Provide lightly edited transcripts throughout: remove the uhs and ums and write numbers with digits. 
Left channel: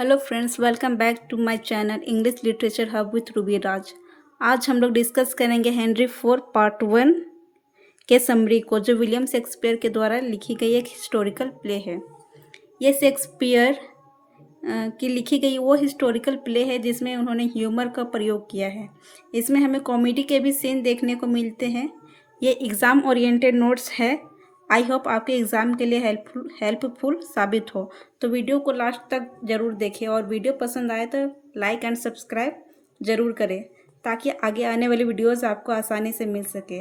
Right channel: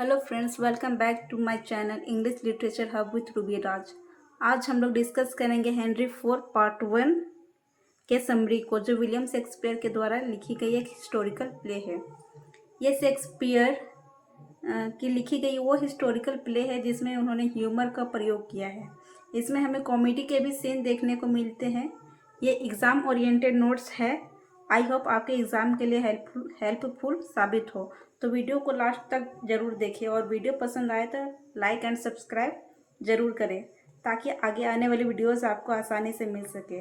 Hello friends, welcome back to my channel English literature hub with Ruby Raj. आज हम लोग discuss करेंगे Henry four part one के summary को, जो विलियम शेक्सपियर के द्वारा लिखी गई एक हिस्टोरिकल प्ले है। ये शेक्सपियर की लिखी गई वो हिस्टोरिकल प्ले है जिसमें उन्होंने ह्यूमर का प्रयोग किया है। इसमें हमें कॉमेडी के भी सीन देखने को मिलते हैं। ये एग्ज़ाम ओरिएंटेड नोट्स है। आई होप आपके एग्ज़ाम के लिए हेल्पफुल साबित हो। तो वीडियो को लास्ट तक ज़रूर देखें और वीडियो पसंद आए तो लाइक एंड सब्सक्राइब ज़रूर करें ताकि आगे आने वाली वीडियोस आपको आसानी से मिल सके।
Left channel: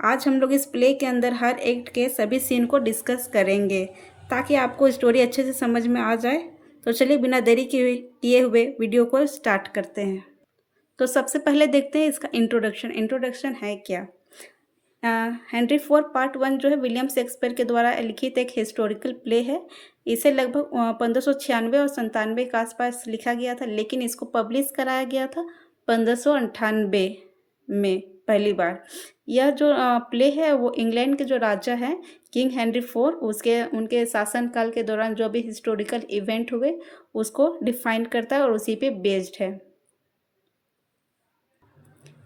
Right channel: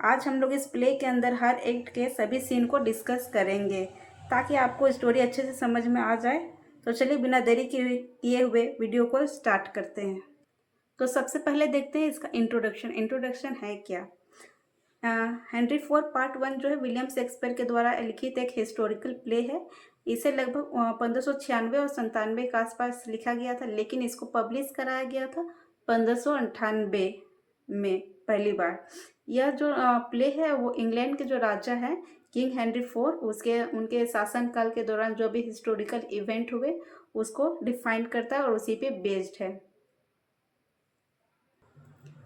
आज हम लोग इस प्ले के अंदर हर एक्ट के सभी सीन को डिस्कस करेंगे ताकि आपको स्टोरी अच्छे से समझ में आ जाए। तो चलिए बिना देरी किए हुए वीडियो को स्टार्ट करते हैं। तो सबसे पहले देखते हैं इसका इंट्रोडक्शन है क्या। हेनरी फोर पार्ट वन जो है विलियम शेक्सपियर के द्वारा लिखित एक हिस्टोरिकल प्ले है। इसे लगभग 1596 और 97 के आसपास लिखा गया था, लेकिन इसको पब्लिश कराया गया था 1598 में पहली बार। यह जो प्ले है वो इंग्लैंड के जो राजा हैं किंग हेनरी फोर उसके उनके शासनकाल के दौरान जो भी हिस्टोरिकल इवेंट हुए उसको डिफाइन करता है और उसी पे बेस्ड है।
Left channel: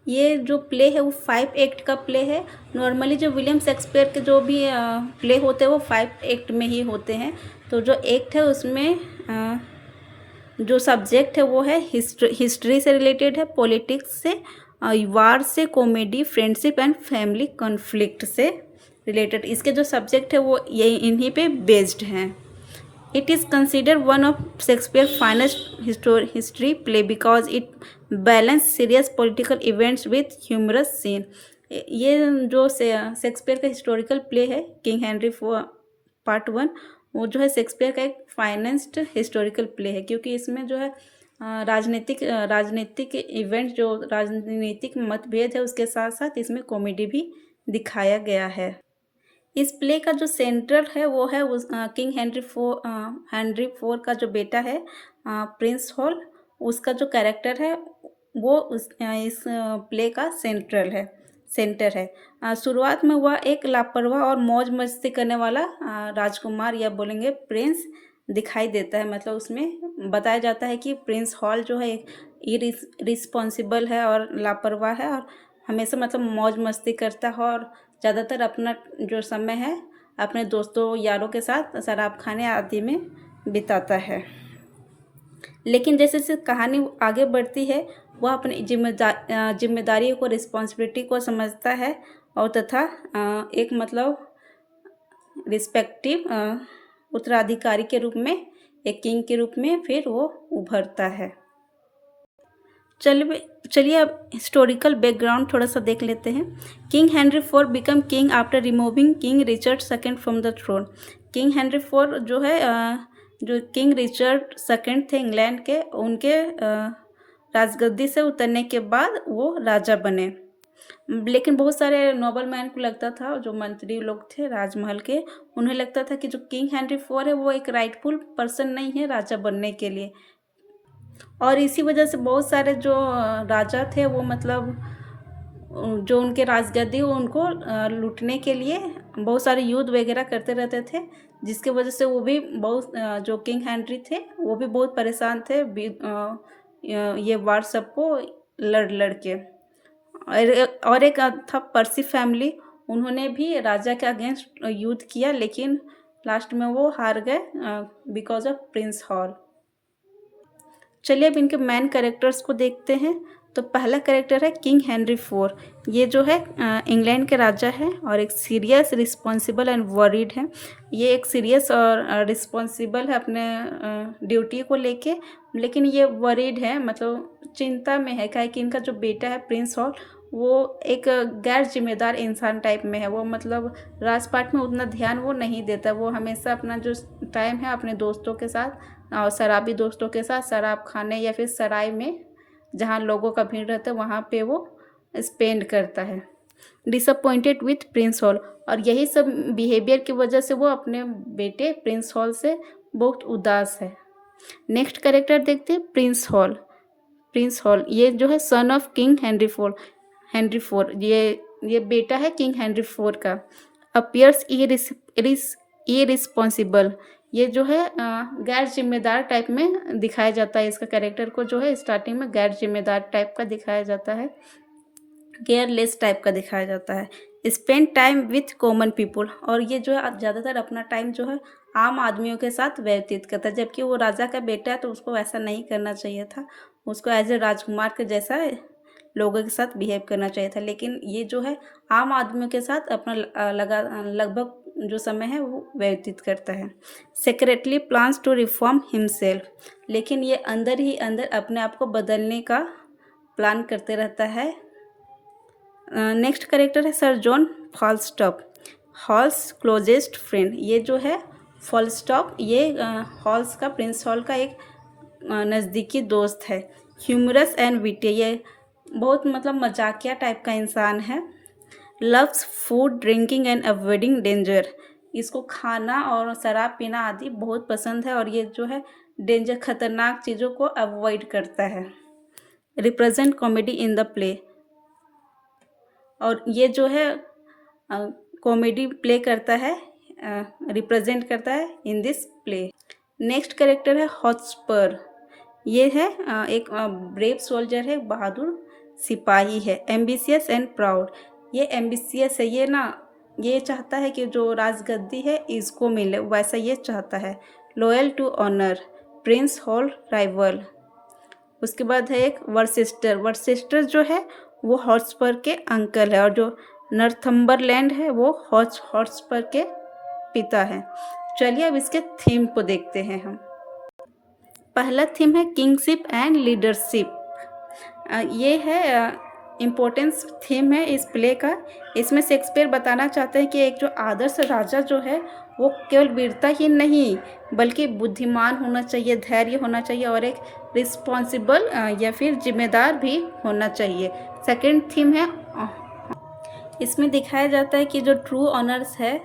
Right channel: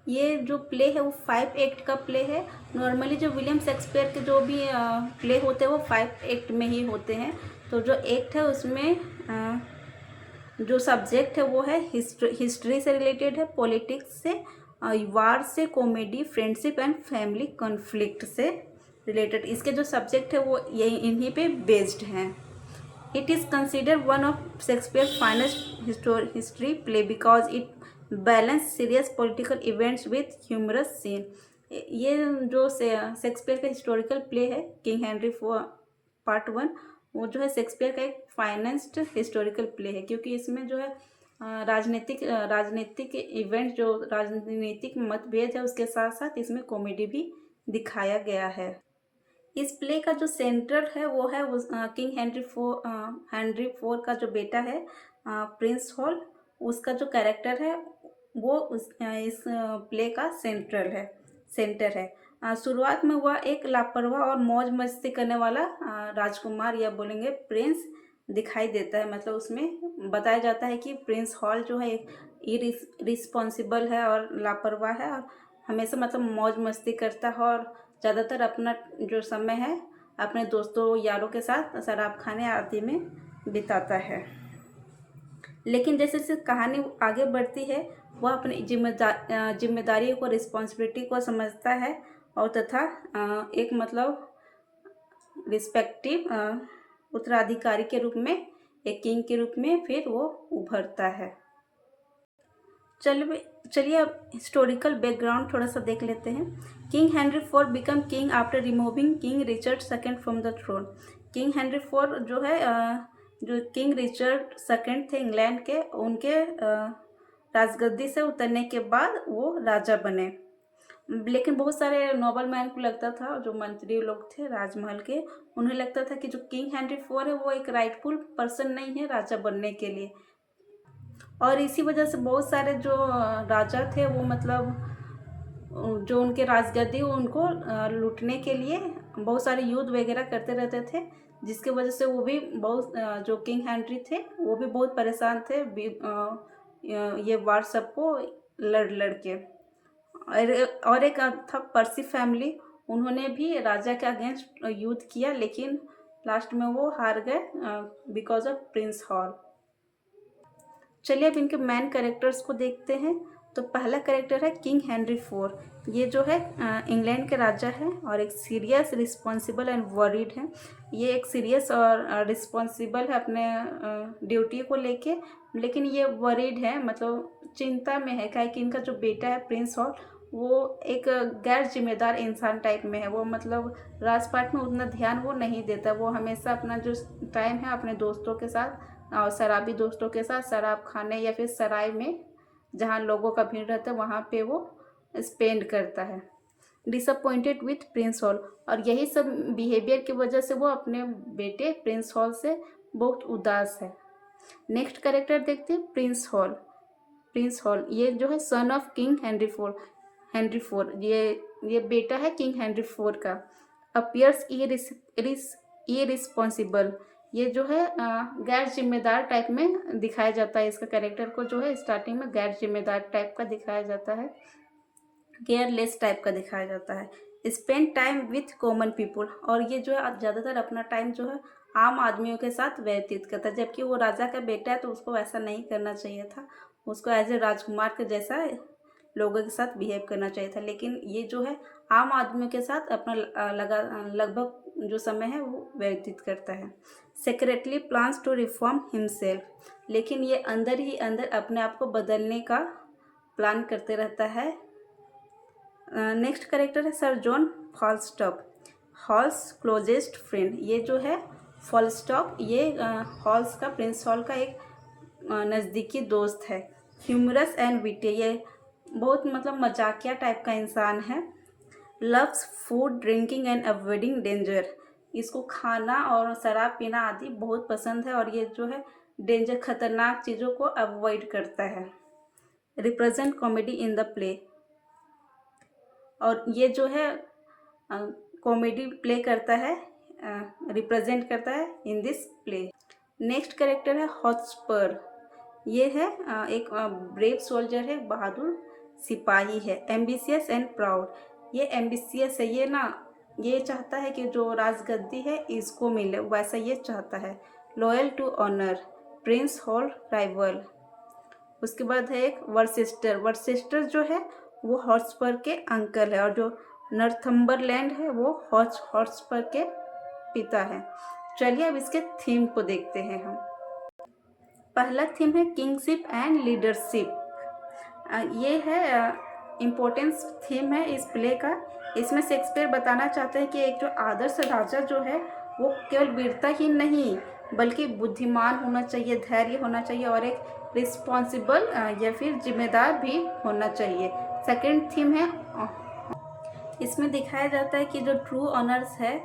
ये जो प्ले है वो 5 एक्ट का प्ले है। नॉर्मली जो विलियम शेक्सपियर के जो भी प्ले होते हैं वो 5 एक्ट में ही होते हैं। तो जो एक्ट है उसमें जो सब्जेक्ट है वो है हिस्ट्री से रिलेटेड है, पॉलिटिक्स से, वार से, comedy, friendship and family conflict से रिलेटेड। इसके जो सब्जेक्ट है वो यही इन्हीं पे बेस्ड हैं। It is considered one of Shakespeare's finest history play because it balance serious political events with humorous scene। ये जो शेक्सपियर का हिस्टोरिकल प्ले है king Henry four part one, वो जो है शेक्सपियर का एक फाइनेस्ट हिस्टोरिकल प्ले है क्योंकि इसमें जो है राजनीतिक इवेंट, जो राजनीतिक मतभेद है उसके साथ साथ इसमें कॉमेडी भी दिखाया गया है। इस प्ले का जो सेंटर है वो है उस किंग हेनरी फोर का जो बेटा है प्रिंस हॉल, उसका जो कैरेक्टर है वो इस प्ले का सेंटर है। शुरुआत में वह एक लापरवाह और मौज मस्ती करने वाला राजकुमार या बोलेंगे प्रिंस दिखाई देता है। मतलब उसमें बताया जाता है कि प्रिंस हॉल जो है एक इरिस्पॉन्सिबल है और लापरवाह है और हमेशा मतलब मौज मस्ती करता है और ज़्यादातर अपना जो समय है अपने दोस्तों यारों के साथ शराब खाने आदि में बिताता है। लेकिन जैसे जैसे कहानी आगे बढ़ती है वह अपनी जिम्मेदारी को, रिस्पॉन्सिबिलिटी को समझता है और तथा एक मतलब रिस्पेक्टिव उत्तराधिकारी के रूप में, एक किंग के रूप में फिर वो उभरता है। चलिए अब हिस्टोरिकल बैकग्राउंड थोड़ा सा देख लेते हैं। King Henry four become king after removing king Richard second from the throne. King Henry four जो है जो किंग रिचर्ड सेकेंड थे इंग्लैंड के, उनके राजगद्दी से उतरने के बाद वो राजा बने। लेकिन बहुत सारे नोबल मैन को लगता था, जो मंत्री लोग थे राजमहल के, उन्हें लगता था कि जो किंग हेनरी फोर है वो एक राइटफुल पर्सन नहीं है राजा बनने के लिए। और इसी वजह से बहुत सारे जो राजा थे वो मतलब जो उनके राजगद्दी उनको लूटने के लिए बहुत सारे युद्ध वगैरह करते रहते थे, जिसके वजह से वो भी बहुत जो किंग हेनरी थे वो भी बहुत परेशान थे ये वार सबको लड़ के। और एक था पर्सी फैमिली, उन्होंने भी राजा के अगेंस्ट युद्ध किया लेकिन लास्ट में वो हार गए बिकॉज ऑफ प्रिंस हॉल। चलिए अब इनके मेन कैरेक्टर्स को देखते हैं। तो पहला कैरेक्टर है किंग हेनरी फोर। ये जो है इंग्लैंड के राजा हैं और एक सीरियस, रिस्पॉन्सिबल एंड वरीड है। ये एक सीरियस और रिस्पॉन्सिबल है अपने ड्यूटी को लेके, लेकिन ये वरीड है, मतलब चिंता में है क्या कि इनका जो बेटा है प्रिंस हॉल वो एक गैर जिम्मेदार इंसान टाइप में है। वो मतलब राजपाट में उतना ध्यान वो नहीं देता, वो हमेशा अपना जो टाइम है अपने दोस्तों के साथ और शराबी दोस्तों के साथ शराब खाने या फिर सराय में जहाँ लोगों का भीड़ रहता है वहाँ पे वो स्पेंड करता है। डिसअपॉइंटेड विथ प्रिंस हॉल, और यही सब बिहेवियर की वजह से वो अपने बेटे प्रिंस हॉल से बहुत उदास है। नेक्स्ट कैरेक्टर देखते हैं प्रिंस हॉल ये जो है son of king Henry four, ये बेटा है किंग हेनरी फोर का। अपियर्स इरिस्पॉन्सिबल, ये जो है गैर ज़िम्मेदार टाइप में दिखाया जाता है, इसका कैरेक्टर को जो है स्टार्टिंग में गैर ज़िम्मेदार टाइप का दिखाया जाता है, केयरलेस टाइप का दिखाया जाता है। Spend time with common people, और ये जो है ज़्यादातर अपना टाइम जो है आम आदमियों के साथ व्यतीत करता है, जबकि वो राजा का बेटा है तो उसको वैसा नहीं करना चाहिए था, उसको एज ए राजकुमार के जैसा लोगों के साथ बिहेव करना चाहिए था। लेकिन ये जो है आम आदमियों के साथ अपना लगभग जो समय है वो व्यतीत करता है। Secretly plans to reform himself, लेकिन ये अंदर ही अंदर अपने आप को बदलने का प्लान करते रहता है। नेक्स्ट करेक्टर है sir John Falstaff, Hal's closest friend. ये जो है फॉलस्टॉप, ये हॉल्स का, प्रिंस हॉल का एक नज़दीकी दोस्त है। ह्यूमरस एंड विटी, ये बहुत मतलब मजाकिया टाइप का इंसान है। Loves food drinking and avoiding danger, इसको खाना और शराब पीना आदि बहुत पसंद है, और ये जो है डेंजर, खतरनाक चीज़ों को अवॉइड करता है। Represent comedy in the play, और ये जो है कॉमेडी प्ले करता है, रिप्रेजेंट करता है in this play. Next character है हॉटस्पर, ये है एक ब्रेव सोल्जर है, बहादुर सिपाही है। एम्बिशियस एंड प्राउड, ये एम्बिशियस है, ये ना ये चाहता है कि जो राजगद्दी है इसको मिले, वैसा ये चाहता है। Loyal to honour, prince Hal rival. उसके बाद है एक वर्सेस्टर, वर्सेस्टर जो है वो हॉट्सपर के अंकल है, और जो नॉर्थम्बरलैंड है वो हॉट्सपर के पिता है। चलिए अब इसके थीम को देखते हैं हम। पहला थीम है किंगशिप एंड लीडरशिप। ये है इम्पोर्टेंस थीम है इस प्ले का। इसमें शेक्सपियर बताना चाहते हैं कि एक जो आदर्श राजा जो है वो केवल वीरता ही नहीं बल्कि बुद्धिमान होना चाहिए, धैर्य होना चाहिए, और एक रिस्पॉन्सिबल या फिर जिम्मेदार भी होना चाहिए। सेकंड थीम है, इसमें दिखाया जाता है कि जो ट्रू ऑनर्स है,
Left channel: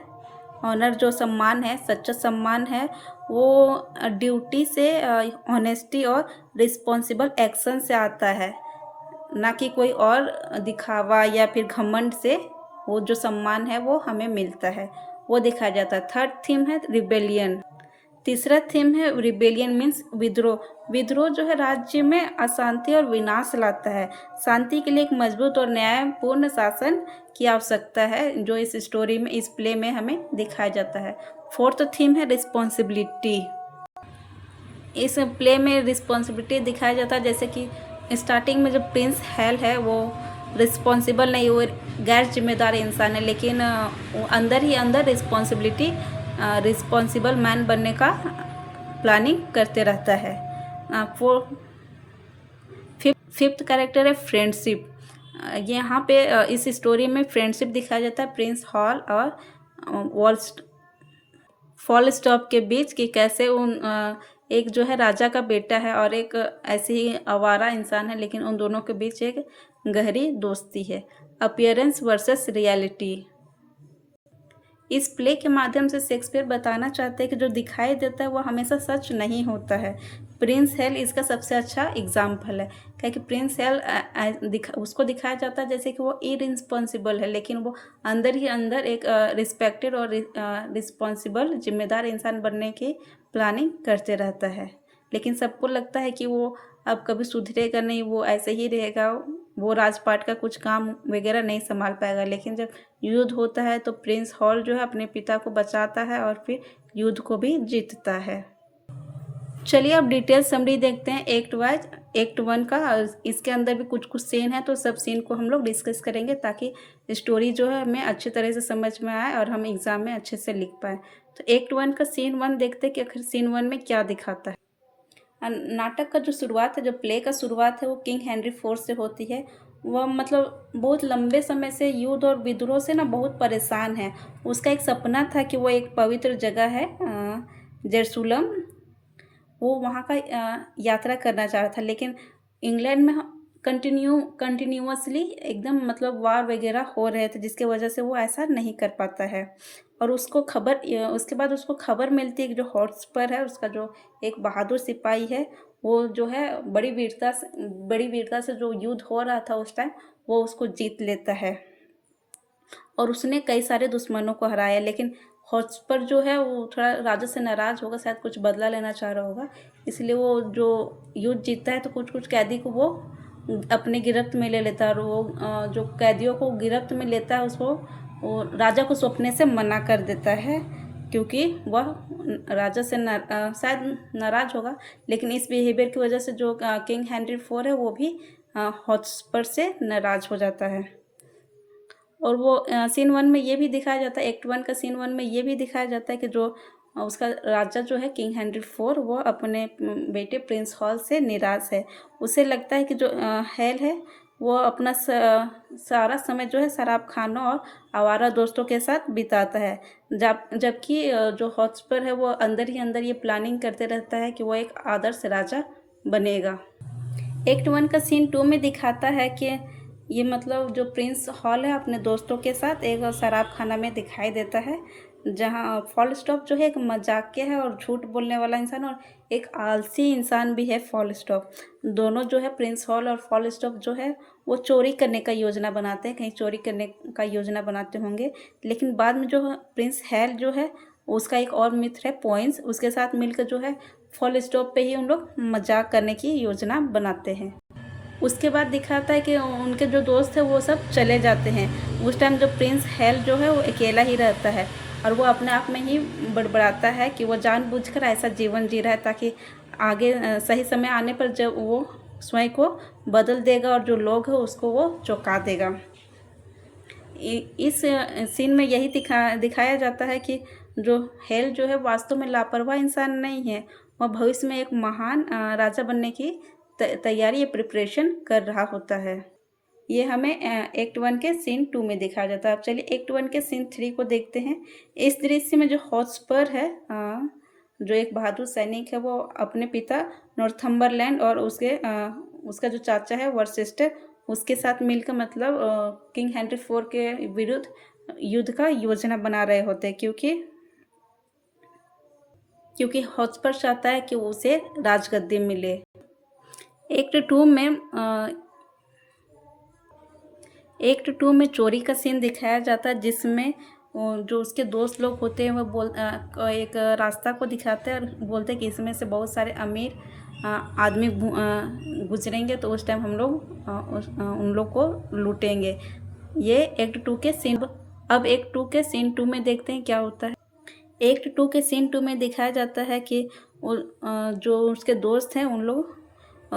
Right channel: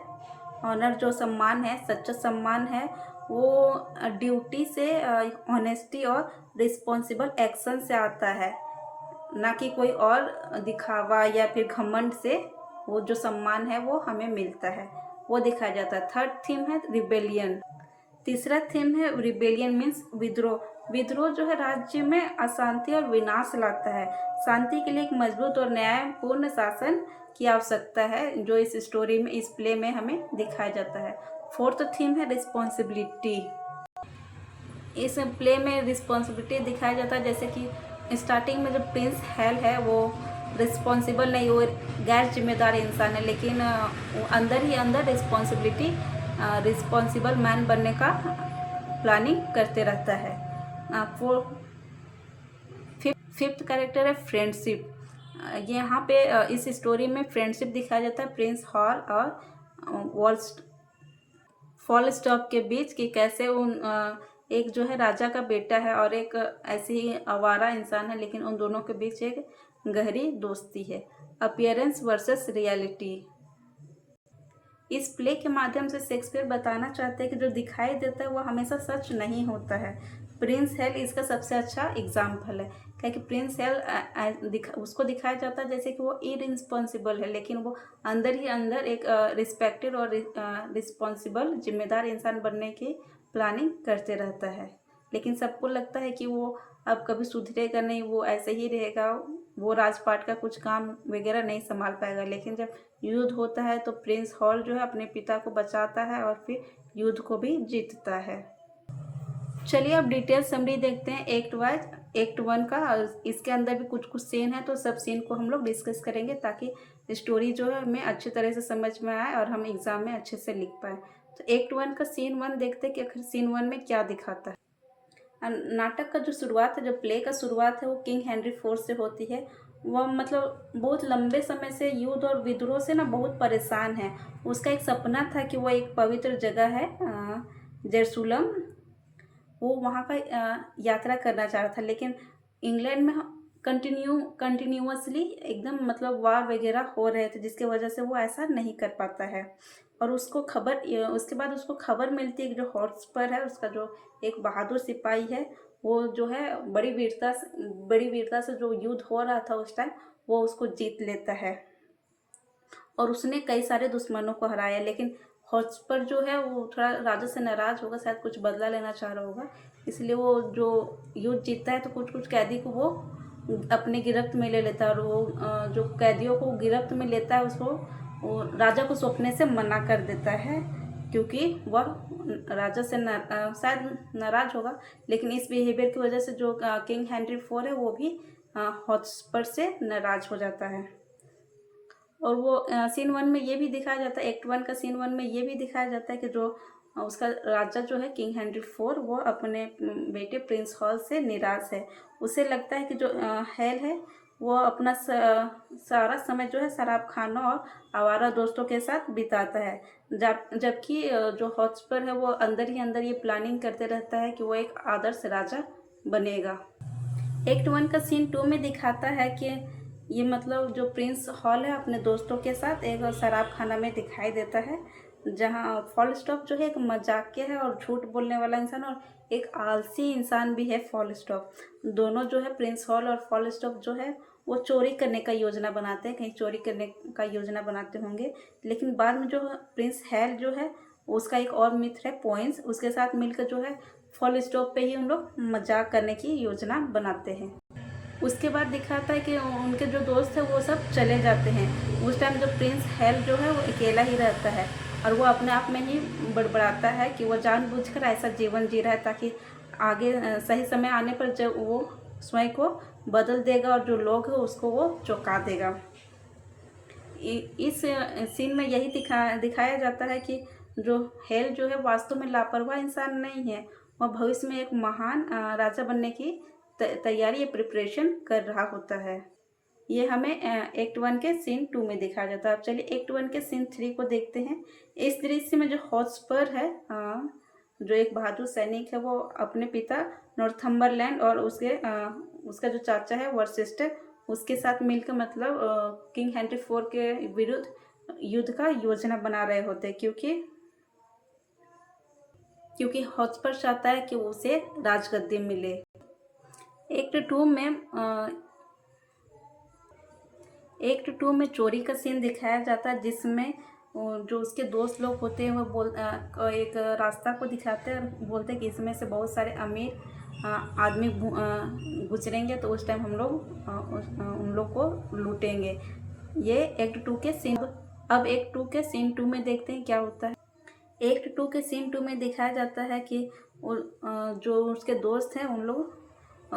ऑनर जो सम्मान है, सच्चा सम्मान है, वो ड्यूटी से, ऑनेस्टी और रिस्पॉन्सिबल एक्शन से आता है, ना कि कोई और दिखावा या फिर घमंड से वो जो सम्मान है वो हमें मिलता है, वो दिखाया जाता है। थर्ड थीम है रिबेलियन। तीसरा थीम है रिबेलियन मीन्स विद्रोह। विद्रोह जो है राज्य में अशांति और विनाश लाता है। शांति के लिए एक मजबूत और न्यायपूर्ण शासन की आवश्यकता है, जो इस स्टोरी में, इस प्ले में हमें दिखाया जाता है। फोर्थ थीम है रिस्पॉन्सिबिलिटी। इस प्ले में रिस्पॉन्सिबिलिटी दिखाया जाता है, जैसे कि स्टार्टिंग में जो प्रिंस हेल है वो रिस्पॉन्सिबल नहीं, वो गैर जिम्मेदार इंसान है, लेकिन वो अंदर ही अंदर रिस्पॉन्सिबल मैन बनने का प्लानिंग करते रहता है। फिफ्थ कैरेक्टर है फ्रेंडशिप। यहाँ पे इस स्टोरी में फ्रेंडशिप दिखाया जाता है प्रिंस हॉल और वॉल्स फॉल स्टॉप के बीच, कि कैसे एक जो है राजा का बेटा है और एक ऐसे ही आवारा इंसान है, लेकिन उन दोनों के बीच एक गहरी दोस्ती है। अपीयरेंस वर्सेस रियलिटी, इस प्ले के माध्यम से शेक्सपियर बताना चाहते हैं कि जो दिखाई देता है वो हमेशा सच नहीं होता है। प्रिंस हेल इसका सबसे अच्छा एग्जाम्पल है, क्या कि प्रिंस हेल उसको दिखाया जाता है जैसे कि वो इरिस्पॉन्सिबल है, लेकिन वो अंदर ही अंदर एक रिस्पेक्टेड और रिस्पॉन्सिबल जिम्मेदार इंसान बनने की प्लानिंग करते रहता है। लेकिन सबको लगता है कि वो अब कभी सुधरेगा नहीं, वो ऐसे ही रहेगा, वो राजपाट का कुछ काम वगैरह नहीं संभाल पाएगा। लेकिन जब युद्ध होता है तो प्रिंस हॉल जो है अपने पिता को बचाता है और फिर युद्ध को भी जीतता है। चलिए अब डिटेल समरी देखते हैं एक्ट वाइज। एक्ट वन का, इसके अंदर भी कुछ कुछ सीन है, तो सब सीन को हम लोग डिस्कस करेंगे ताकि स्टोरी जो है हमें अच्छी तरह से समझ में आए और हम एग्ज़ाम में अच्छे से लिख पाए। तो एक्ट वन का सीन वन देखते हैं कि आखिर सीन वन में क्या दिखाता है। नाटक का जो शुरुआत है, जो प्ले का शुरुआत है, वो किंग हेनरी फोर्थ से होती है। वह मतलब बहुत लंबे समय से युद्ध और विद्रोह से ना बहुत परेशान है। उसका एक सपना था कि वो एक पवित्र जगह है जेरूसलम, वो वहाँ का यात्रा करना चाह रहा था, लेकिन इंग्लैंड में कंटिन्यूअसली एकदम मतलब वार वगैरह हो रहे थे, जिसके वजह से वो ऐसा नहीं कर पाता है। और उसको खबर, उसके बाद उसको खबर मिलती है कि जो हॉट्सपर है उसका जो एक बहादुर सिपाही है, वो जो है बड़ी वीरता से जो युद्ध हो रहा था उस टाइम, वो उसको जीत लेता है और उसने कई सारे दुश्मनों को हराया। लेकिन हॉटस्पर जो है वो थोड़ा राजा से नाराज़ होगा, शायद कुछ बदला लेना चाह रहा होगा, इसलिए वो जो युद्ध जीतता है तो कुछ कुछ कैदी को वो अपने गिरफ्त में ले लेता है, और वो जो कैदियों को गिरफ्त में लेता है उसको वो राजा को सौंपने से मना कर देता है, क्योंकि वह राजा से शायद नाराज़ होगा, लेकिन इस बिहेवियर की वजह से जो किंग हेनरी फोर है वो भी हॉटस्पर से नाराज़ हो जाता है। और वो सीन 1 में ये भी दिखाया जाता है, एक्ट 1 का सीन 1 में ये भी दिखाया जाता है कि जो उसका राजा जो है किंग हेनरी फोर, वो अपने बेटे प्रिंस हॉल से निराश है। उसे लगता है कि जो हेल है वो अपना सारा समय जो है शराब खानों और आवारा दोस्तों के साथ बिताता है, जबकि जो हॉटस्पर है वो अंदर ही अंदर ये प्लानिंग करते रहता है कि वो एक आदर्श राजा बनेगा। एक्ट 1 का सीन 2 में दिखाता है कि ये मतलब जो प्रिंस हॉल है अपने दोस्तों के साथ एक शराब खाना में दिखाई देता है, जहाँ फॉल स्टॉप जो है एक मजाकिया है और झूठ बोलने वाला इंसान, और एक आलसी इंसान भी है फॉल स्टॉप। दोनों जो है प्रिंस हॉल और फॉल स्टॉप जो है वो चोरी करने का योजना बनाते हैं, कहीं चोरी करने का योजना बनाते होंगे, लेकिन बाद में जो प्रिंस हेल जो है उसका एक और मित्र है पॉइंट्स, उसके साथ मिलकर जो है फॉल स्टॉप पे ही उन लोग मजाक करने की योजना बनाते हैं। उसके बाद दिखाता है कि उनके जो दोस्त हैं वो सब चले जाते हैं। उस टाइम जो प्रिंस हेल जो है वो अकेला ही रहता है, और वो अपने आप में ही बड़बड़ाता है कि वो जानबूझकर ऐसा जीवन जी रहा है ताकि आगे सही समय आने पर जब वो स्वयं को बदल देगा और जो लोग हैं उसको वो चौंका देगा। इस सीन में यही दिखाया जाता है कि जो हेल जो है वास्तव में लापरवाह इंसान नहीं है, वह भविष्य में एक महान राजा बनने की तैयारी या प्रिपरेशन कर रहा होता है। ये हमें एक्ट 1 के सीन 2 में दिखाया जाता है। अब चलिए एक्ट 1 के सीन 3 को देखते हैं। इस दृश्य में जो हॉटस्पर है, जो एक बहादुर सैनिक है, वो अपने पिता नॉर्थम्बरलैंड और उसका जो चाचा है वर्सेस्टर, उसके साथ मिलकर मतलब किंग हेनरी फोर के विरुद्ध युद्ध का योजना बना रहे होते हैं, क्योंकि हॉटस्पर चाहता है कि उसे राजगद्दी मिले। एक्ट 2 में एक्ट 2 में चोरी का सीन दिखाया जाता है, जिसमें जो उसके दोस्त लोग होते हैं वो एक रास्ता को दिखाते हैं और बोलते हैं कि इसमें से बहुत सारे अमीर आदमी गुजरेंगे, तो उस टाइम हम लोग उन लोग को लूटेंगे। ये एक्ट 2 के सीन। अब एक्ट 2 के सीन 2 में देखते हैं क्या होता है। एक्ट 2 के सीन 2 में दिखाया जाता है कि जो उसके दोस्त हैं उन लोग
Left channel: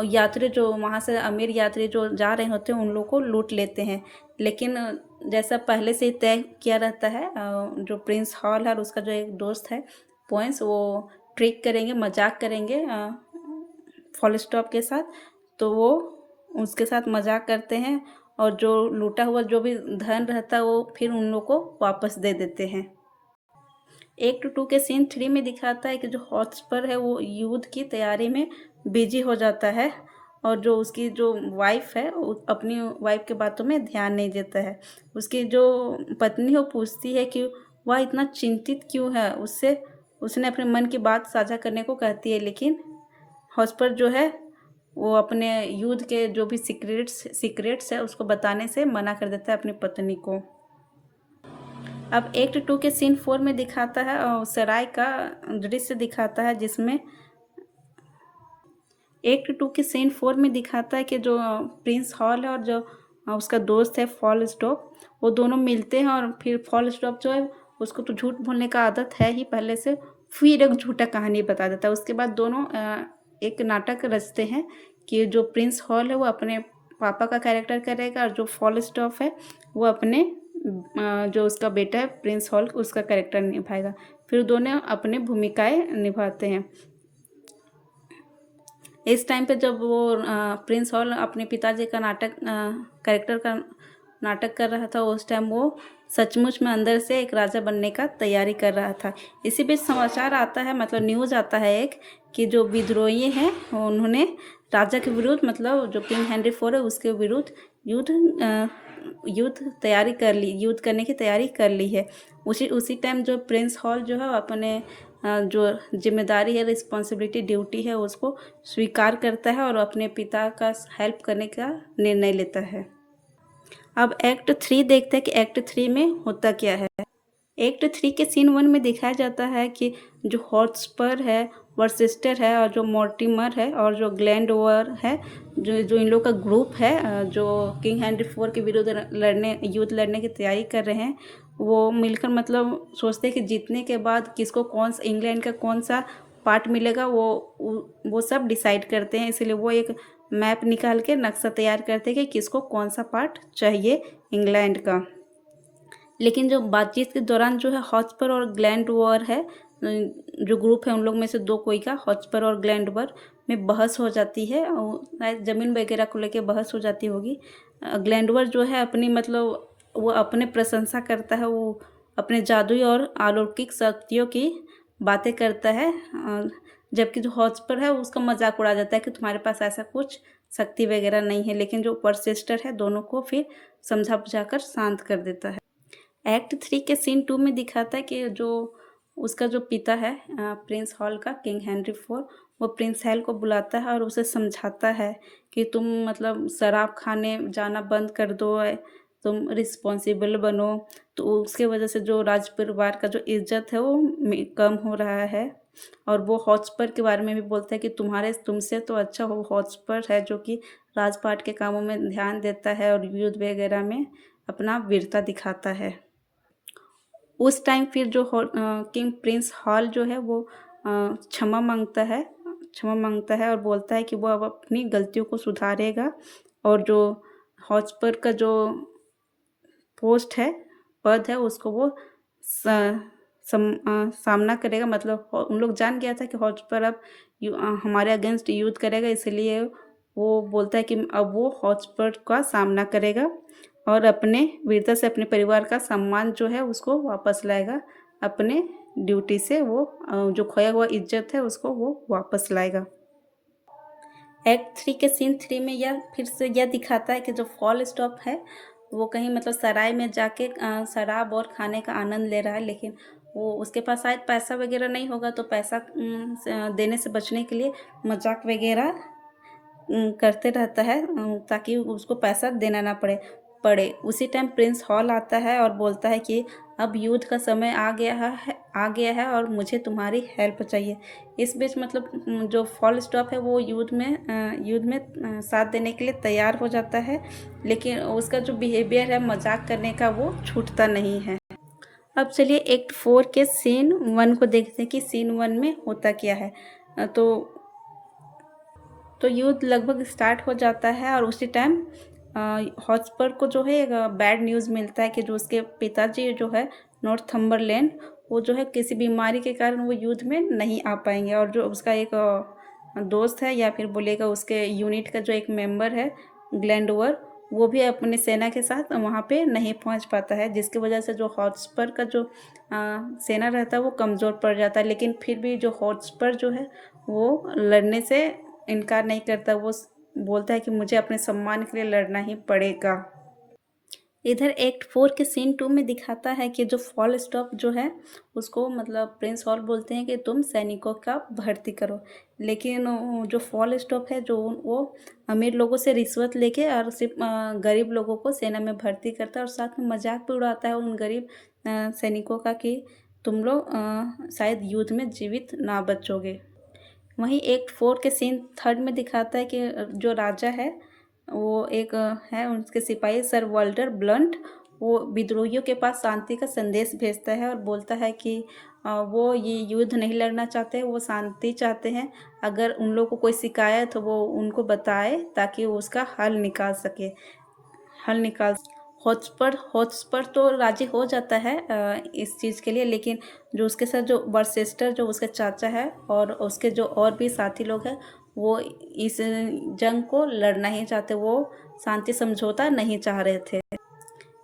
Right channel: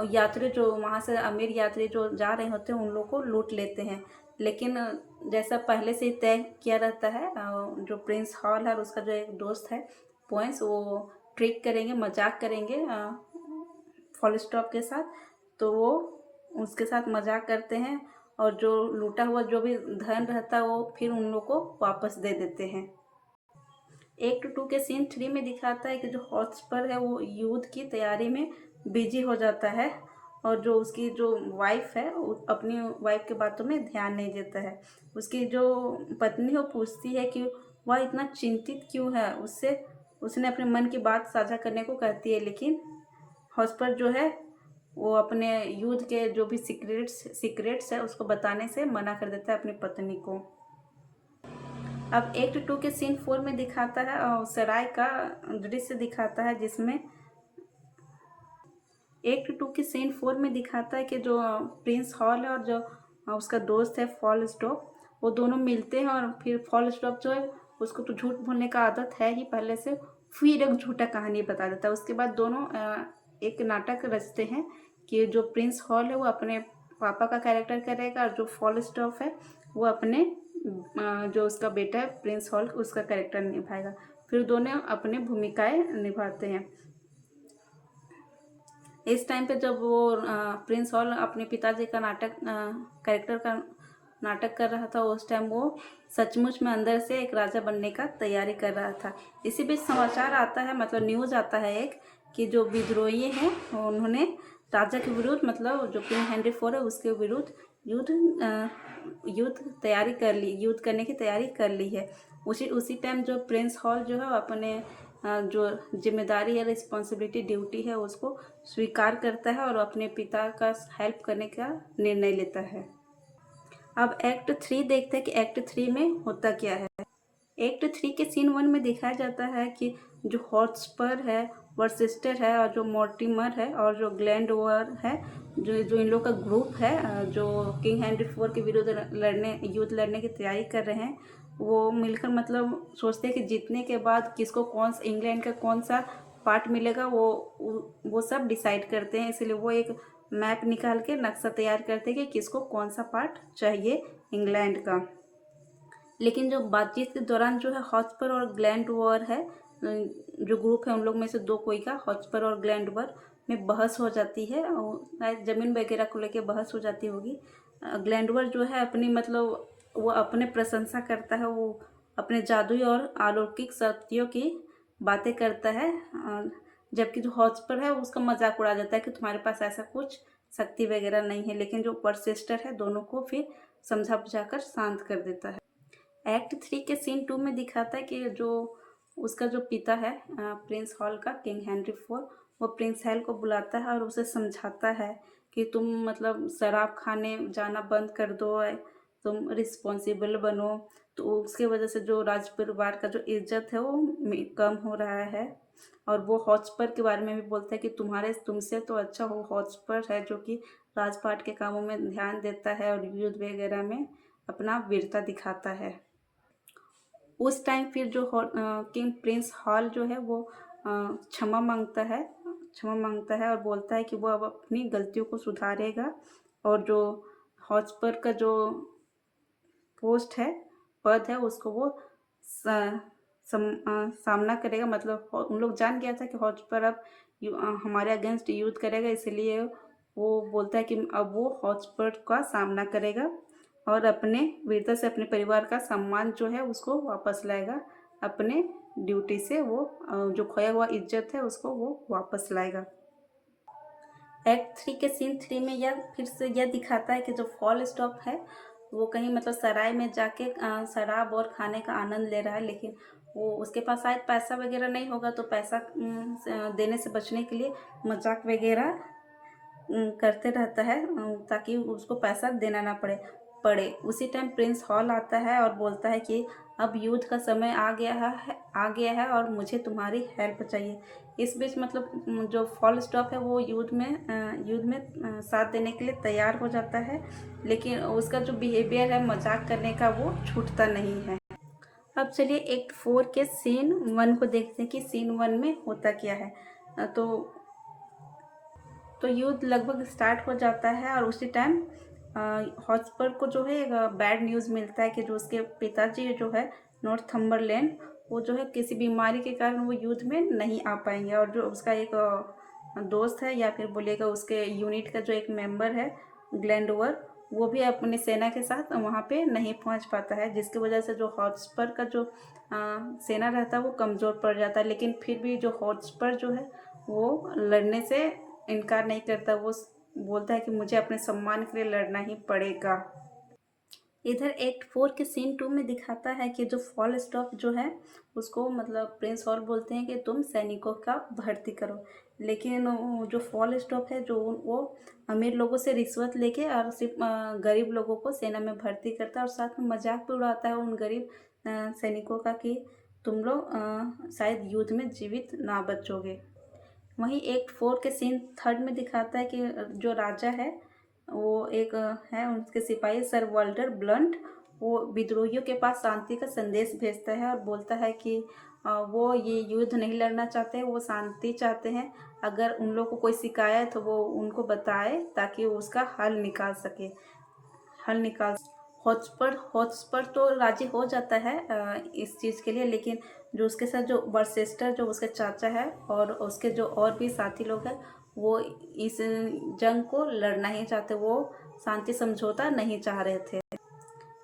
यात्री जो वहाँ से अमीर यात्री जो जा रहे होते हैं उन लोग को लूट लेते हैं, लेकिन जैसा पहले से ही तय किया रहता है, जो प्रिंस हॉल है और उसका जो एक दोस्त है पॉइंट्स, वो ट्रिक करेंगे, मजाक करेंगे फॉल स्टॉप के साथ, तो वो उसके साथ मजाक करते हैं और जो लूटा हुआ जो भी धन रहता है वो फिर उन लोग को वापस दे देते हैं। एक्ट 2 के सीन 3 में दिखाता है कि जो हॉटस्पर है वो युद्ध की तैयारी में बिजी हो जाता है, और जो उसकी जो वाइफ है वो अपनी वाइफ के बातों में ध्यान नहीं देता है। उसकी जो पत्नी है वो पूछती है कि वह इतना चिंतित क्यों है, उसने अपने मन की बात साझा करने को कहती है, लेकिन हॉटस्पर जो है वो अपने युद्ध के जो भी सीक्रेट्स है उसको बताने से मना कर देता है अपनी पत्नी को। अब एक्ट 2 के सीन 4 में दिखाता है सराय का दृश्य दिखाता है, जिसमें एक्ट 2 के सीन 4 में दिखाता है कि जो प्रिंस हॉल है और जो उसका दोस्त है फॉल स्टॉप, वो दोनों मिलते हैं, और फिर फॉल स्टॉप जो है उसको तो झूठ बोलने का आदत है ही पहले से, फिर एक झूठा कहानी बता देता है। उसके बाद दोनों एक नाटक रचते हैं कि जो प्रिंस हॉल है वो अपने पापा का कैरेक्टर करेगा, और जो फॉल स्टॉप है वो अपने जो उसका बेटा है प्रिंस हॉल उसका कैरेक्टर निभाएगा। फिर दोनों अपने भूमिकाएं निभाते हैं। इस टाइम पे जब वो प्रिंस हॉल अपने पिताजी का कैरेक्टर का नाटक कर रहा था, उस टाइम वो सचमुच में अंदर से एक राजा बनने का तैयारी कर रहा था। इसी बीच समाचार आता है, मतलब न्यूज़ आता है एक, कि जो विद्रोही हैं उन्होंने राजा के विरुद्ध, मतलब जो किंग हेनरी फोर है उसके विरुद्ध युद्ध करने की तैयारी कर ली है। उसी टाइम जो प्रिंस हॉल जो है अपने जो जिम्मेदारी है, रिस्पॉन्सिबिलिटी, ड्यूटी है, उसको स्वीकार करता है और अपने पिता का हेल्प करने का निर्णय लेता है। अब एक्ट 3 देखते हैं कि एक्ट 3 में होता क्या है। एक्ट 3 के सीन 1 में दिखाया जाता है कि जो हॉटस्पर है, वर्सेस्टर है और जो मॉर्टिमर है और जो ग्लैंडोवर है, जो जो इन लोग का ग्रुप है, जो किंग हेनरी 4 के विरुद्ध लड़ने युद्ध लड़ने की तैयारी कर रहे हैं, वो मिलकर मतलब सोचते हैं कि जीतने के बाद किसको कौन सा इंग्लैंड का कौन सा पार्ट मिलेगा, वो सब डिसाइड करते हैं। इसलिए वो एक मैप निकाल के नक्शा तैयार करते हैं कि किसको कौन सा पार्ट चाहिए इंग्लैंड का। लेकिन जो बातचीत के दौरान जो है हॉटस्पर और ग्लैंडवर है, जो ग्रुप है उन लोग में से दो कोई का हॉटस्पर और ग्लैंडवर में बहस हो जाती है और शायद ज़मीन वगैरह को लेके बहस हो जाती होगी। ग्लैंडवर जो है अपनी मतलब वो अपने प्रशंसा करता है, वो अपने जादुई और अलौकिक शक्तियों की बातें करता है, जबकि जो हॉटस्पर है उसका मजाक उड़ा जाता है कि तुम्हारे पास ऐसा कुछ शक्ति वगैरह नहीं है। लेकिन जो परसिस्टर है दोनों को फिर समझा बुझाकर शांत कर देता है। एक्ट 3 के सीन 2 में दिखाता है कि जो उसका जो पिता है, प्रिंस हॉल का, किंग हेनरी 4, वो प्रिंस हेल को बुलाता है और उसे समझाता है कि तुम मतलब शराब खाने जाना बंद कर दो, तुम रिस्पॉन्सिबल बनो। तो उसके वजह से जो राज परिवार का जो इज्जत है वो कम हो रहा है। और वो हॉटस्पर के बारे में भी बोलता है कि तुमसे तो अच्छा वो हॉटस्पर है जो कि राजपाट के कामों में ध्यान देता है और युद्ध वगैरह में अपना वीरता दिखाता है। उस टाइम फिर जो किंग प्रिंस हॉल जो है वो क्षमा मांगता है और बोलता है कि वो अब अपनी गलतियों को सुधारेगा और जो हॉटस्पर का जो पोस्ट है, पद है, उसको वो सामना करेगा। मतलब उन लोग जान गया था कि हॉटस्पर अब हमारे अगेंस्ट युद्ध करेगा, इसलिए वो बोलता है कि अब वो हॉटस्पर का सामना करेगा और अपने वीरता से अपने परिवार का सम्मान जो है उसको वापस लाएगा। अपने ड्यूटी से वो जो खोया हुआ इज्जत है उसको वो वापस लाएगा। एक्ट 3 के सीन 3 में यह फिर से यह दिखाता है कि जो फॉल स्टॉप है वो कहीं मतलब सराय में जाके शराब और खाने का आनंद ले रहा है, लेकिन वो उसके पास शायद पैसा वगैरह नहीं होगा, तो पैसा देने से बचने के लिए मजाक वगैरह करते रहता है, ताकि उसको पैसा देना ना पड़े। उसी टाइम प्रिंस हॉल आता है और बोलता है कि अब युद्ध का समय आ गया है और मुझे तुम्हारी हेल्प चाहिए। इस बीच मतलब जो फॉल स्टॉप है वो युद्ध में साथ देने के लिए तैयार हो जाता है, लेकिन उसका जो बिहेवियर है मजाक करने का वो छूटता नहीं है। अब चलिए एक्ट 4 के सीन 1 को देखते हैं कि सीन 1 में होता क्या है। तो युद्ध लगभग स्टार्ट हो जाता है और उसी टाइम हॉटस्पर को जो है एक बैड न्यूज़ मिलता है कि जो उसके पिताजी जो है नॉर्थम्बरलैंड, वो जो है किसी बीमारी के कारण वो युद्ध में नहीं आ पाएंगे। और जो उसका एक दोस्त है या फिर बोलेगा उसके यूनिट का जो एक मेंबर है, ग्लैंडोवर, वो भी अपने सेना के साथ वहाँ पे नहीं पहुँच पाता है, जिसकी वजह से जो हॉटस्पर का जो सेना रहता है वो कमज़ोर पड़ जाता है। लेकिन फिर भी जो हॉटस्पर जो है वो लड़ने से इनकार नहीं करता। वो बोलता है कि मुझे अपने सम्मान के लिए लड़ना ही पड़ेगा। इधर एक्ट 4 के सीन 2 में दिखाता है कि जो फॉल स्टॉप जो है उसको मतलब प्रिंस हॉल बोलते हैं कि तुम सैनिकों का भर्ती करो। लेकिन जो फॉल स्टॉप है जो वो अमीर लोगों से रिश्वत लेके और सिर्फ गरीब लोगों को सेना में भर्ती करता है और साथ में मजाक भी उड़ाता है उन गरीब सैनिकों का कि तुम लोग शायद युद्ध में जीवित ना बचोगे। वहीं एक्ट 4 के सीन 3 में दिखाता है कि जो राजा है वो एक है उनके सिपाही सर वाल्टर ब्लंट, वो विद्रोहियों के पास शांति का संदेश भेजता है और बोलता है कि वो ये युद्ध नहीं लड़ना चाहते, वो शांति चाहते हैं। अगर उन लोगों को कोई शिकायत हो वो उनको बताए ताकि वो उसका हल निकाल। हॉटस्पर तो राजी हो जाता है इस चीज़ के लिए, लेकिन जो उसके साथ जो वर्सेस्टर जो उसके चाचा है और उसके जो और भी साथी लोग हैं वो इस जंग को लड़ना ही चाहते, वो शांति समझौता नहीं चाह रहे थे।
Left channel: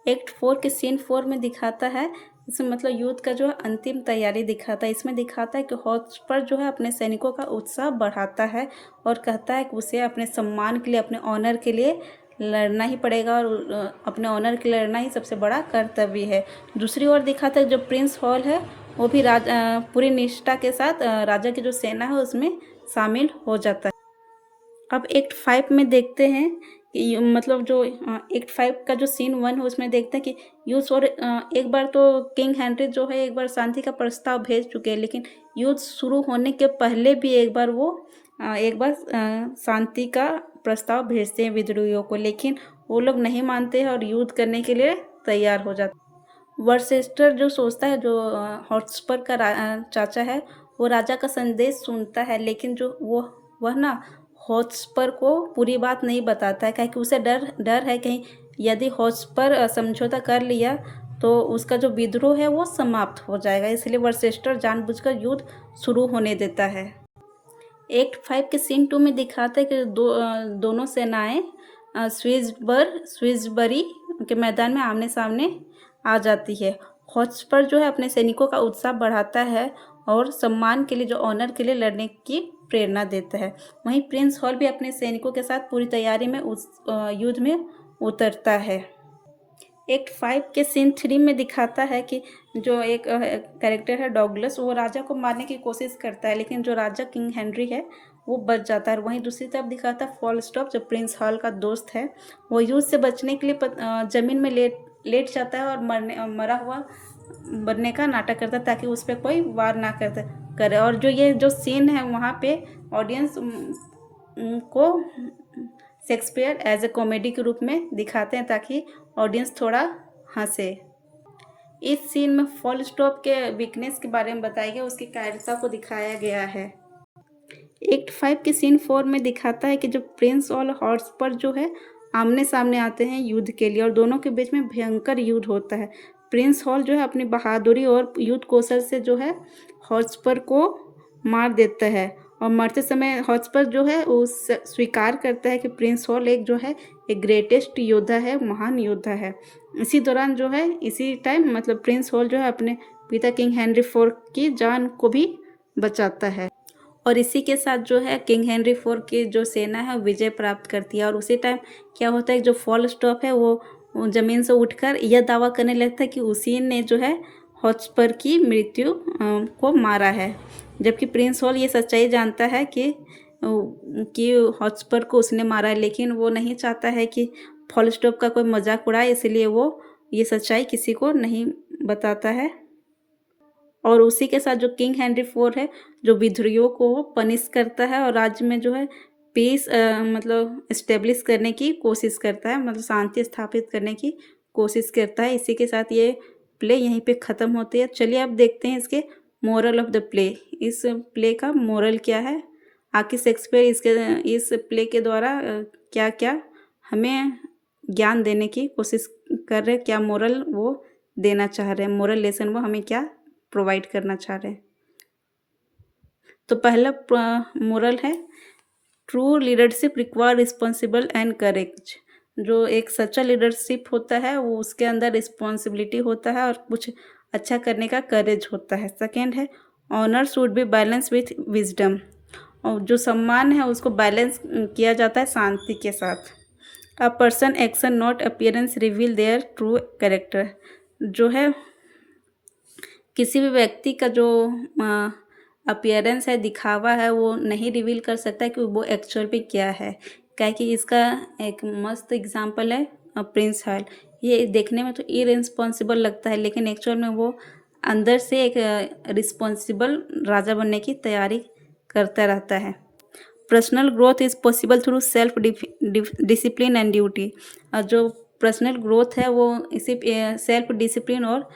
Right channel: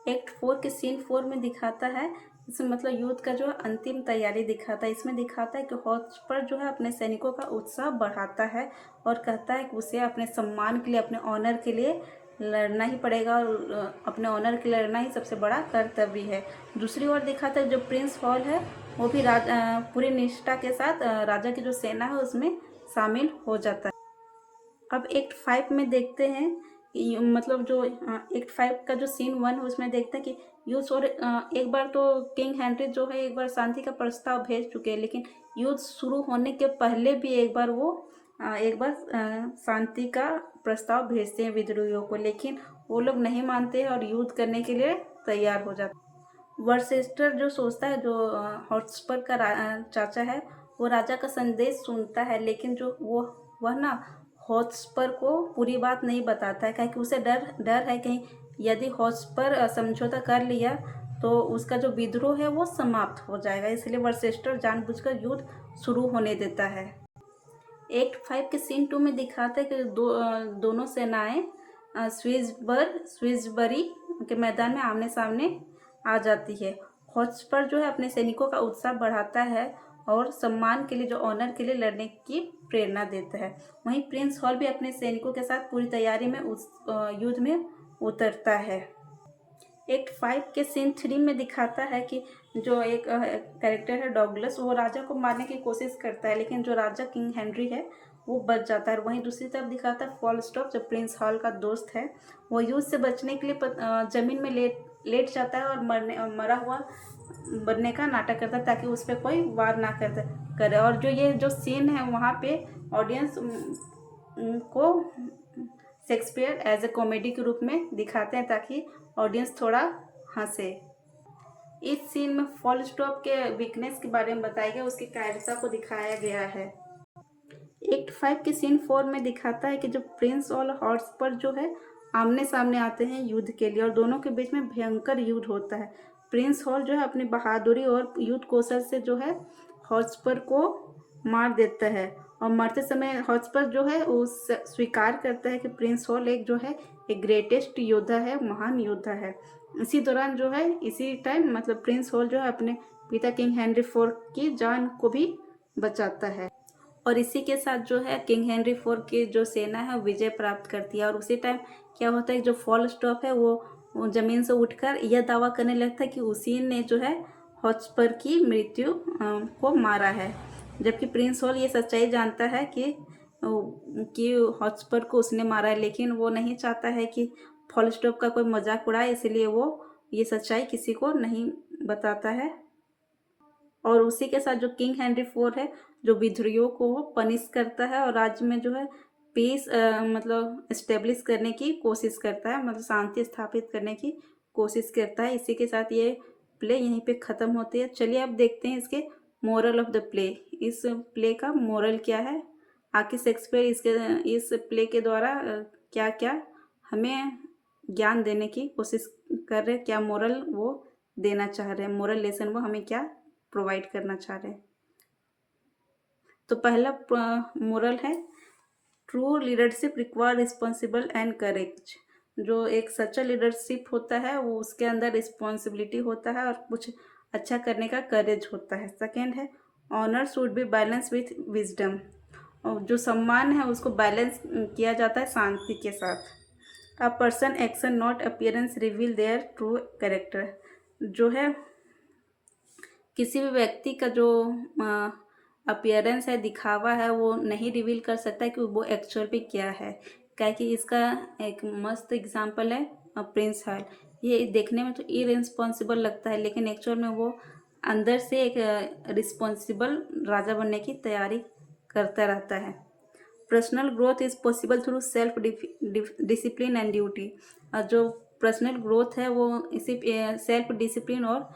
एक्ट 4 के सीन 4 में दिखाता है, इसमें मतलब युद्ध का जो अंतिम तैयारी दिखाता है। इसमें दिखाता है कि हॉटस्पर जो है अपने सैनिकों का उत्साह बढ़ाता है और कहता है कि उसे अपने सम्मान के लिए, अपने ऑनर के लिए लड़ना ही पड़ेगा और अपने ऑनर के लिए लड़ना ही सबसे बड़ा कर्तव्य है। दूसरी ओर दिखाता है जो प्रिंस हॉल है वो भी पूरी निष्ठा के साथ राजा की जो सेना है उसमें शामिल हो जाता है। अब एक्ट 5 में देखते हैं मतलब जो एक्ट 5 का जो सीन 1 है उसमें देखते हैं कि यूथ और एक बार तो किंग हेनरी जो है एक बार शांति का प्रस्ताव भेज चुके हैं, लेकिन युद्ध शुरू होने के पहले भी एक बार वो एक बार शांति का प्रस्ताव भेजते हैं विद्रोहियों को, लेकिन वो लोग नहीं मानते हैं और युद्ध करने के लिए तैयार हो जाते हैं। वर्सेस्टर जो सोचता है, जो हॉटस्पर का चाचा है, वो राजा का संदेश सुनता है, लेकिन जो वह ना हॉटस्पर को पूरी बात नहीं बताता है, क्योंकि उसे डर डर है कहीं यदि हॉटस्पर समझौता कर लिया तो उसका जो विद्रोह है वो समाप्त हो जाएगा, इसलिए वर्सेस्टर जानबूझकर युद्ध शुरू होने देता है। एक्ट 5 के सीन 2 में दिखाता है कि दोनों सेनाएं स्विसबरी के मैदान में आमने सामने आ जाती है। हॉटस्पर जो है अपने सैनिकों का उत्साह बढ़ाता है और सम्मान के लिए, जो ऑनर के लिए लड़ने की प्रेरणा देता है। वहीं प्रिंस हॉल भी अपने सैनिकों के साथ पूरी तैयारी में उस युद्ध में उतरता है। एक्ट 5 के सीन 3 में दिखाता है कि जो एक कैरेक्टर है डॉगलस, वो राजा को मारने की कोशिश करता है, लेकिन जो राजा किंग हेनरी है वो बच जाता है। वहीं दूसरी तरफ दिखाता है फॉलस्टॉप, जो प्रिंस हॉल का दोस्त है, वो युद्ध से बचने के लिए ज़मीन में लेट जाता है और मरा हुआ बनने का नाटक करता है ताकि उस पर कोई वार ना करे। और जो ये जो सीन है वहाँ पे ऑडियंस को शेक्सपियर एज ए कॉमेडी के रूप में दिखाते हैं ताकि ऑडियंस थोड़ा हंसे। इस सीन में फॉलस्टॉप के वीकनेस के बारे में बताया गया, उसकी कायरता को दिखाया गया है। एक्ट 5 के सीन 4 में दिखाता है कि जो प्रिंस और हॉटस्पर जो है आमने सामने आते हैं युद्ध के लिए और दोनों के बीच में भयंकर युद्ध होता है। प्रिंस हॉल जो है अपनी बहादुरी और युद्ध कौशल से जो है हॉटस्पर को मार देता है और मरते समय हॉटस्पर जो है वो स्वीकार करता है कि प्रिंस हॉल एक जो है एक ग्रेटेस्ट योद्धा है, महान योद्धा है। इसी दौरान जो है इसी टाइम मतलब प्रिंस हॉल जो है अपने पिता किंग हेनरी 4 की जान को भी बचाता है और इसी के साथ जो है किंग हेनरी 4 की जो सेना है विजय प्राप्त करती है। और उसी टाइम क्या होता है, जो फॉलस्टॉप है वो ज़मीन से उठकर यह दावा करने लगता है कि उसी ने जो है हॉटस्पर की मृत्यु को मारा है, जबकि प्रिंस हॉल ये सच्चाई जानता है कि हॉटस्पर को उसने मारा है, लेकिन वो नहीं चाहता है कि फॉलस्टॉप का कोई मजाक उड़ाए, इसलिए वो ये सच्चाई किसी को नहीं बताता है। और उसी के साथ जो किंग हेनरी 4 है जो विद्रोहियों को पनिश करता है और राज्य में जो है पीस मतलब इस्टेब्लिश करने की कोशिश करता है, मतलब शांति स्थापित करने की कोशिश करता है। इसी के साथ ये प्ले यहीं पे ख़त्म होती है। चलिए अब देखते हैं इसके मोरल ऑफ द प्ले। इस प्ले का मोरल क्या है, आखिर शेक्सपियर इस प्ले के द्वारा क्या क्या हमें ज्ञान देने की कोशिश कर रहे हैं, क्या मोरल वो देना चाह रहे हैं, मोरल लेसन वो हमें क्या प्रोवाइड करना चाह रहे हैं। तो पहला मोरल है true leadership require responsible and courage. जो एक सच्चा लीडरशिप होता है वो उसके अंदर रिस्पॉन्सिबिलिटी होता है और कुछ अच्छा करने का करेज होता है। सेकेंड है honour should be balance with wisdom, और जो सम्मान है उसको बैलेंस किया जाता है शांति के साथ। A person action not appearance reveal their true character, जो है किसी भी व्यक्ति का जो अपीयरेंस है, दिखावा है, वो नहीं रिवील कर सकता कि वो एक्चुअल में क्या है। क्या कि इसका एक मस्त एग्जांपल है प्रिंस हॉल। ये देखने में तो इरेस्पॉन्सिबल लगता है, लेकिन एक्चुअल में वो अंदर से एक रिस्पॉन्सिबल राजा बनने की तैयारी करता रहता है। Personal growth is possible through self discipline and duty. जो पर्सनल ग्रोथ है वो इसी सेल्फ डिसिप्लिन और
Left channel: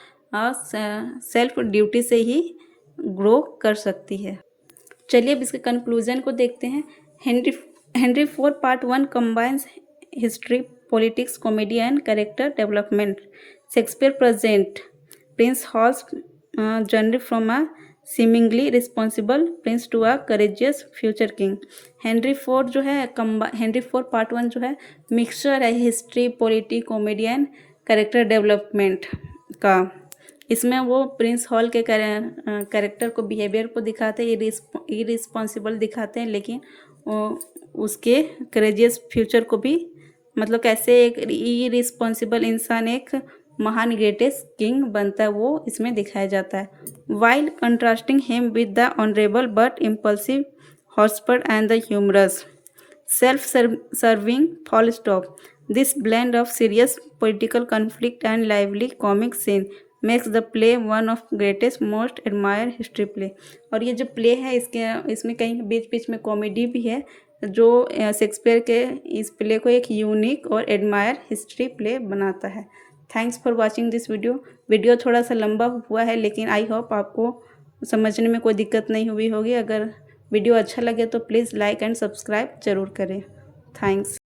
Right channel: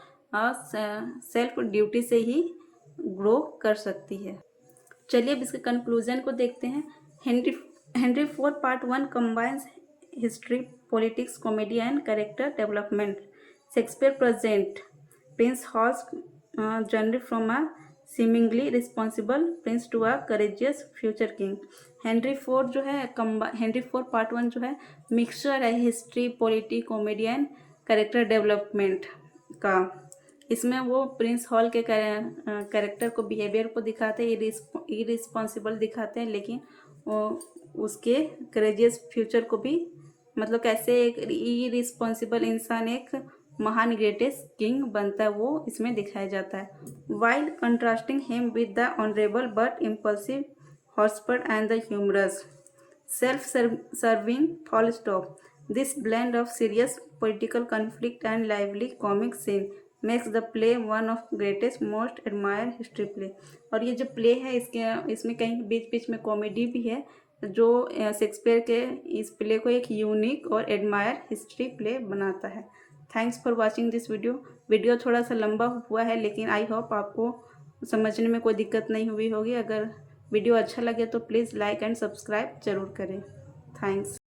सेल्फ ड्यूटी से ही ग्रो कर सकती है। चलिए अब इसके कंक्लूजन को देखते हैं। Henry 4 part 1 combines history, politics, comedy and character development. Shakespeare present prince Hal's journey from a seemingly responsible prince to a courageous future king. Henry 4 जो है हेनरी 4 पार्ट 1 जो है मिक्सचर है history, politics, comedy and character development का। इसमें वो Prince hall के character को, बिहेवियर को दिखाते हैं, इरिस्पॉन्सिबल दिखाते हैं, लेकिन उसके करेजियस फ्यूचर को भी, मतलब कैसे एक इरिस्पॉन्सिबल इंसान एक महान ग्रेटेस्ट किंग बनता है, वो इसमें दिखाया जाता है। While contrasting him with the honourable but impulsive Hotspur and the humorous self-serving, full stop. This blend of serious political conflict and lively comic scene makes the play one of greatest most admired history play. और ये जो play है इसमें कहीं बीच बीच में comedy भी है, जो शेक्सपियर के इस प्ले को एक यूनिक और एडमायर हिस्ट्री प्ले बनाता है। Thanks for watching this video थोड़ा सा लंबा हुआ है, लेकिन आई होप आपको समझने में कोई दिक्कत नहीं हुई होगी। अगर वीडियो अच्छा लगे तो प्लीज़ लाइक एंड सब्सक्राइब ज़रूर करें। थैंक्स।